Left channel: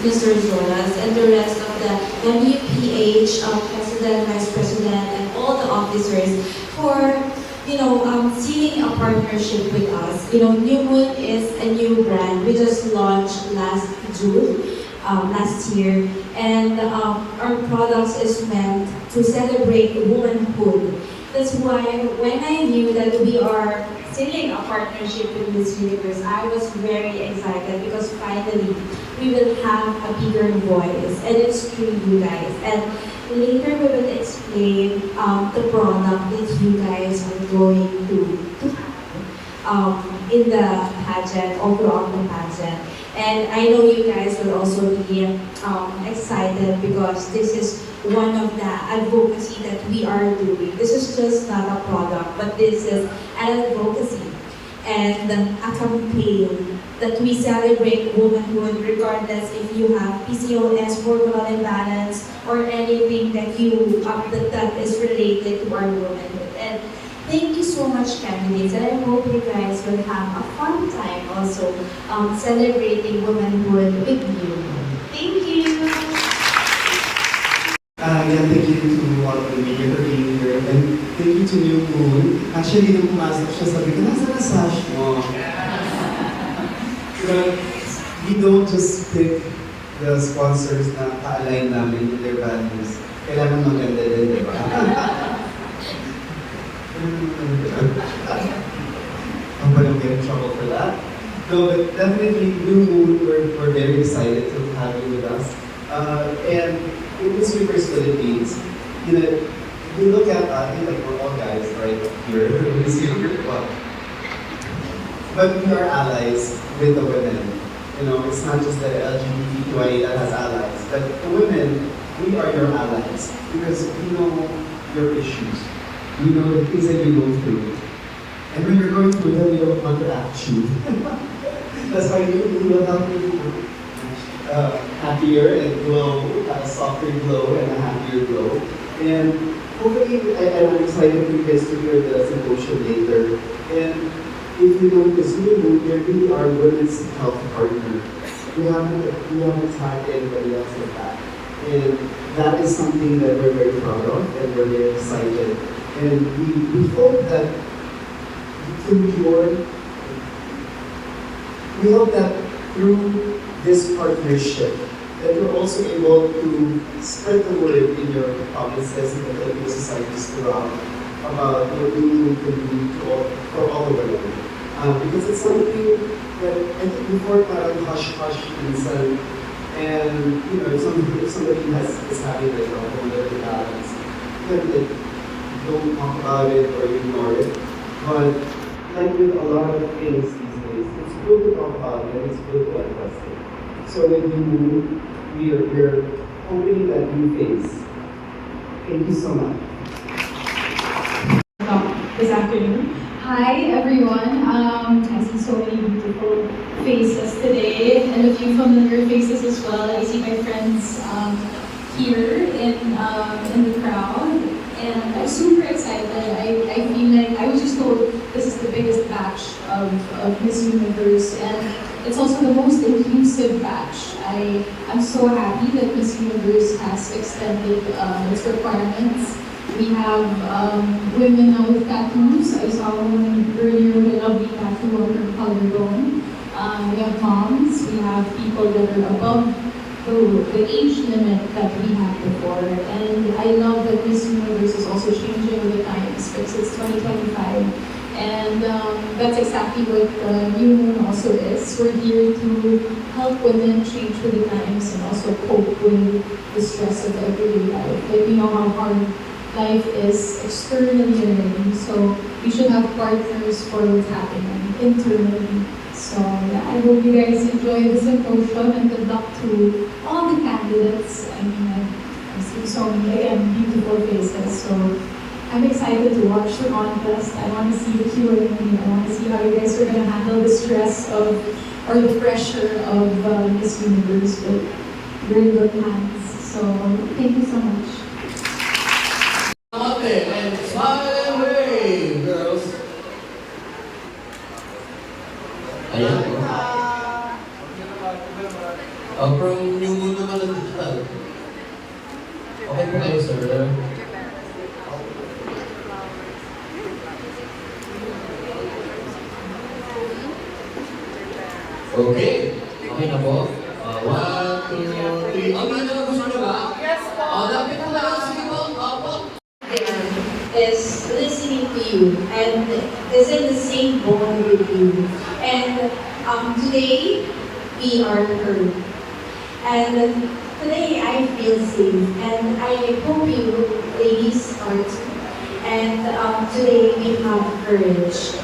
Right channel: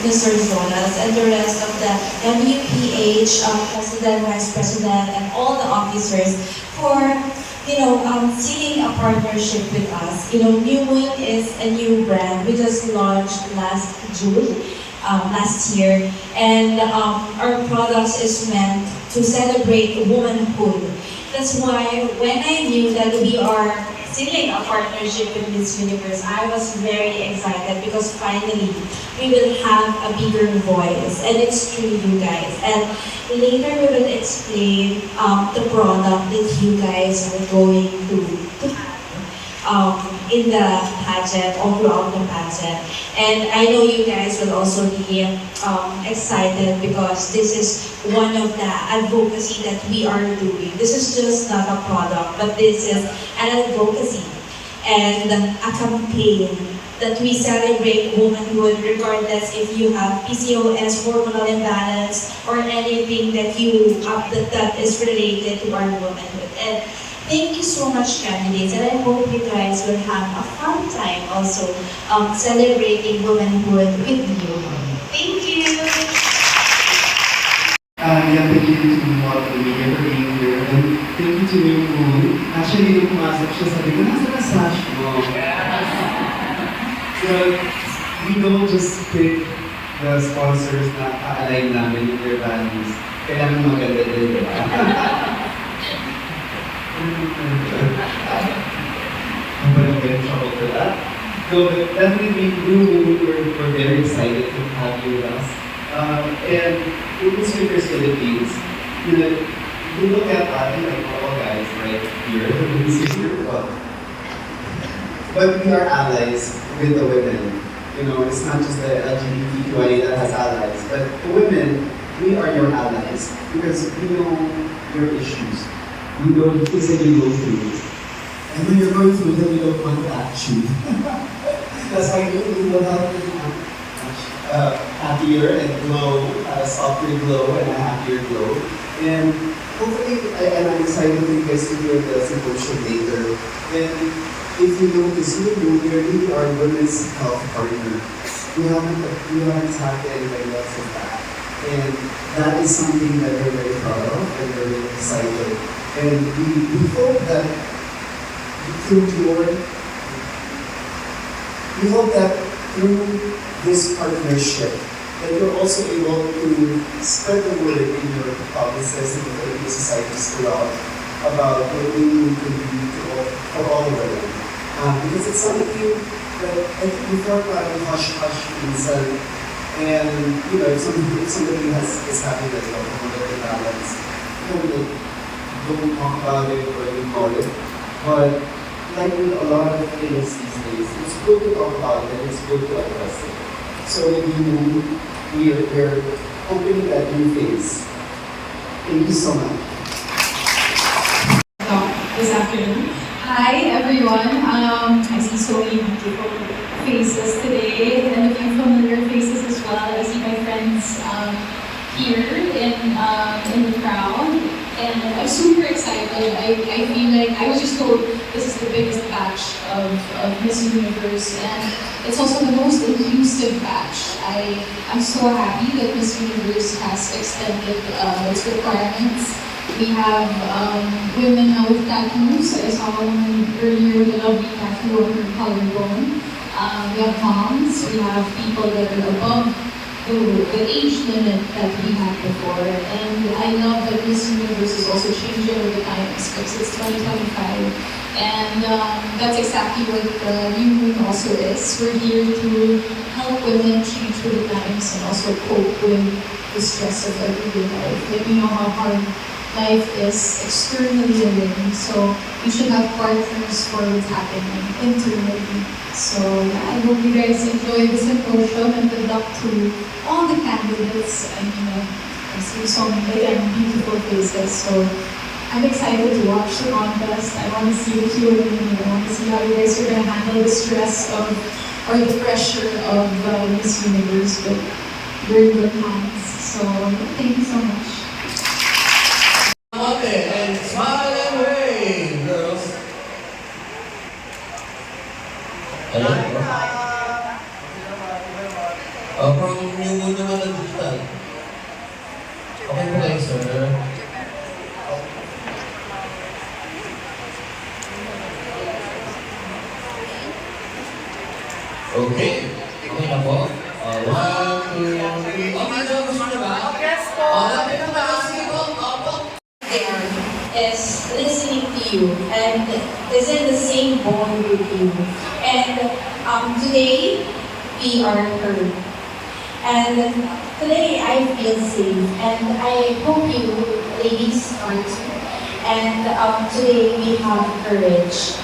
Mr. Zolas and the rest of the MUPH President, Vice President, and all the officers for seeking a partnership with us. New Moon is a new brand. We just launched last June, last year, and our products is meant to celebrate womanhood. That's why when I knew that we are sealing a partnership with Miss Universe, I was very excited because finally we will have a bigger voice, and it's through you guys. And later we will explain the product that you guys are going to have in the pageant, all throughout the pageant. And I know you guys will also be excited because this is one of the advocacy that we are doing. This is just not a product, but this is an advocacy and a campaign that we celebrate womanhood regardless if you have PCOS, hormonal imbalance, or anything that that is related to our womanhood. And thank you so much, candidates, and I hope you guys will have a fun time also celebrating womanhood with you. Thank you! Yeah, thank you to all the media for being here. And thank you to New Moon. Actually, nung pumasok siya, sabi ko, nasa na sash mo? But we don't just pick the sponsors na ka-align namin with their values. Kailangan maganda din. I'm gonna get in trouble for that. No, but definitely, New Moon, we're very excited to have you with us. And in Miss Universe Philippines, we look at, I think like all guys right here, this is your one. But we are allies with the women. It's not just the LGBTQIA that has allies, but the women, we are your allies because we know your issues. We know the things that you go through. And when you're going through them, we don't want to act you. That's how you will help you happier and glow, a softer glow and a happier glow. And hopefully, I'm excited for you guys to hear the symposium later. And if you notice, we really are women's health partner. We haven't had anybody else's back. And that is something that we're very proud of and we're very excited. And we hope that through this partnership, that you're also able to spread the word in your provinces and the Filipino societies throughout about what we can do for all the women. Because it's something that I think before parang hush-hush minsan, and if somebody is having a hormonal imbalance, don't talk about it or ignore it. But like with a lot of things these days, it's good to talk about it and it's good to address it. So with you, we're opening that new phase. Thank you so much. This afternoon. Hi everyone. I see so many beautiful faces today and a few familiar faces as well. I see my friends here in the crowd, and I'm super excited. I feel like I was just told this is the biggest batch of Miss Universe, and it's also the most inclusive batch. I'm so happy that Miss Universe has extended its requirements. We have women now with tattoos. I saw a woman earlier with a lovely tattoo on her collarbone. We have moms. We have people that are above the age limit that we had before. And I love that Miss Universe is also changing with the times because it's 2025. And that's exactly what New Moon also is. We're here to help women change with the times and also cope with the stress of everyday life. Like, you know how hard life is externally already, so you should have partners for what's happening internally. So yeah, I hope you guys enjoy the symposium and good luck to all the candidates. And I see so many beautiful faces. So I'm excited to watch the contest. I want to see the Q&A. I want to see how you guys are going to handle the stress or the pressure of Miss Universe. But you're in good hands. So thank you so much. Okay, and smile and wave, girls. Ayan. From yung naman na digital. Okay po kayo, sir. Okay. Okay na po. 1, 2, 3. Ang video, gusto nyo ba? Yes po. Lapit po na. Sige po. Opo. There is listening to you and is in the same boat with you. And today we are heard. And today I feel safe and I hope you ladies are too. And today we have courage.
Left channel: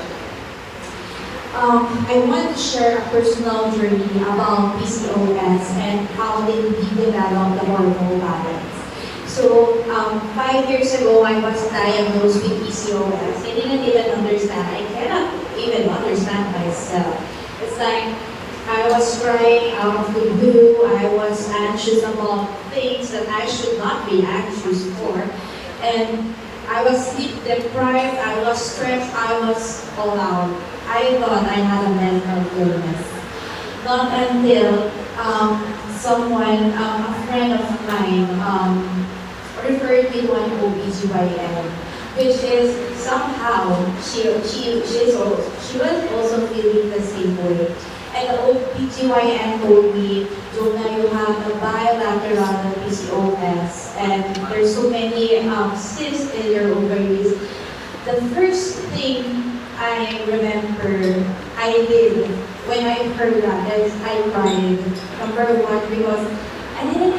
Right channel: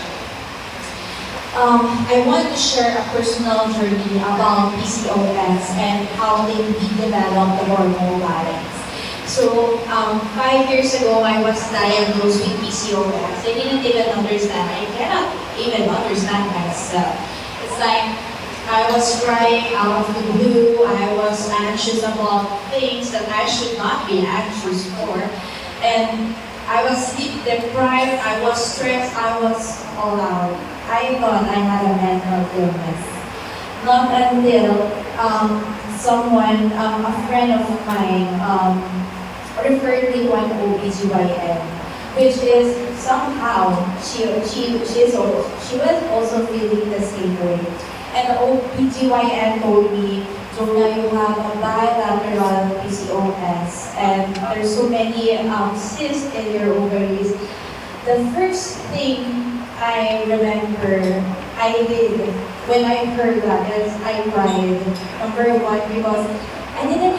I want to share a personal journey about PCOS and how they develop the hormone balance. So, 5 years ago, I was diagnosed with PCOS. I didn't even understand. I cannot even understand myself. It's like I was crying out of the blue. I was anxious about things that I should not be anxious for. And I was sleep deprived. I was stressed. I was all out. I thought I had a mental illness. Not until someone, a friend of mine, referred me to an OBGYN, which is somehow she was also feeling the same way. And the OBGYN told me, Jonah, you have a bilateral PCOS, and there's so many cysts in your ovaries. The first thing I remember I did when I heard that is I cried. Number one, because I didn't